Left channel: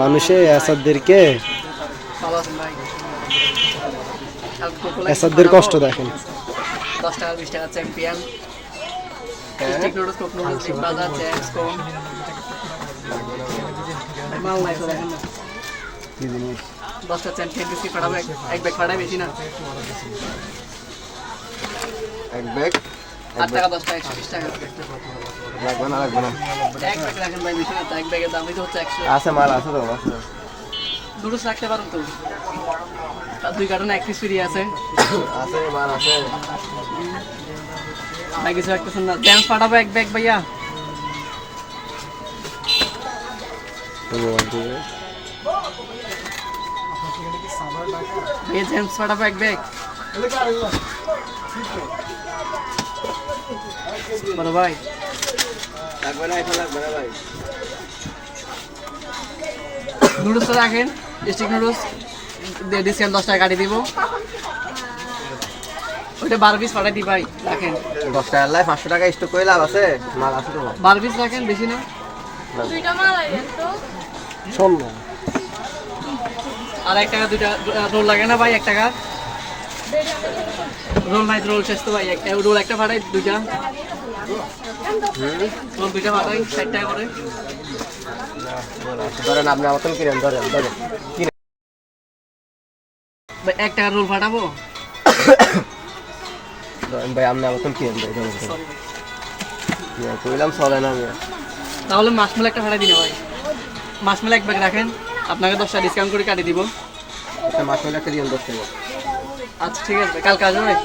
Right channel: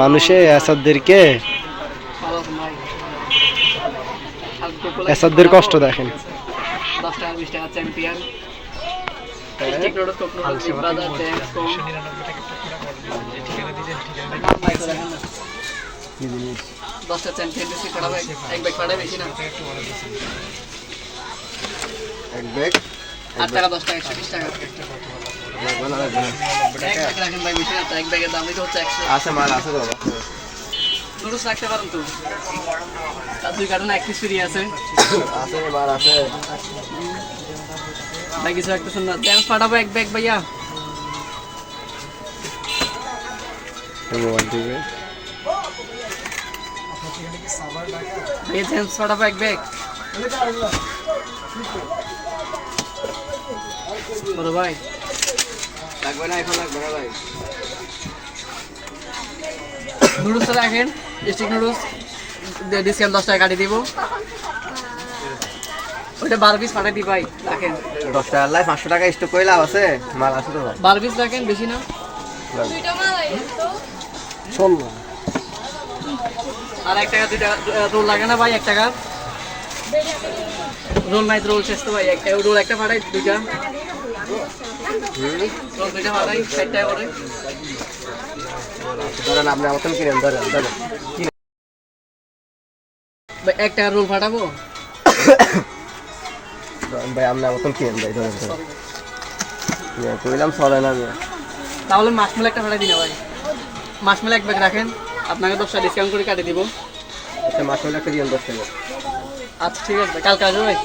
মানুষে এসাদদেরকে এসাদদের কষ্ট দেখেন। 10 টাকা 20 টাকা চ্যাম্পিয়ন স্টিক রোডস কোক রোডস বিগ বাজার জ্যাক্স কোন কি জিনিস 10 টা চ্যাম্পিয়ন বিস্কিট খাড়া ব্যাগ এক ব্যাগ খাড়া বেশি না এক ব্যাগ 8 টাকা 10 টাকা 120 টাকা লাগবে না এক ব্যাগ রাখেন ভাই বেশি না এক ব্যাগের দামই তো হচ্ছে 100 আছে মাল আছে তো নুডলস রাখতে পারেন তো আর 2 কার্টন এক পিস ফ্রি আছে আছে মাল আছে ভাই কিছু একটা শুন না জ্যামস পাঠাবো এক ব্যাগ ভাইয়া ভাইয়া জ্যামস পাঠাবো এক ব্যাগ বড় ভাই লাগবে না এখন লাগবে না ভাই নুডলস রাখেন স্টিক নুডলস ডিসকাউন্ট 10 টাকা কাটিয়ে দিব ওইটা 12 পিস পাঠিয়ে দিই ভাই রাখেন 10 টাকা লাই 500 টাকা স্টক করে লাভ আছে মাল আছে তো 12 পিস রাখেন বেশি না দুইটা মাল আইয়েন তো শোন না আর 1 টাকা 2 টাকা রোল লাগে না ভাই 1 টাকা রোল নাই রোল শেষ তো ভাই একটা রোল একটা পাঠাই দুইটা রোল দুইটা পাঠাই 60 টাকা করে ধরেন আপনি আমার থেকে কিনেন ধরেন কিনেন ভাই 1 টাকা রোল পাঠাবো ভাই আপনি আমার থেকে কিনেন ভাই ধরেন কইলাম চলে না আমি তাহলে মাশমেল একটা পাঠাই দিন ভাই মাশমেল এক ব্যাগ রাখেন আপনাকে 10 টাকা ডিসকাউন্ট করে কাটিয়ে দিব একটা মাছ একটা দিন 10 টাকা আচ্ছা ঠিক আছে কালকে আসবে ভাই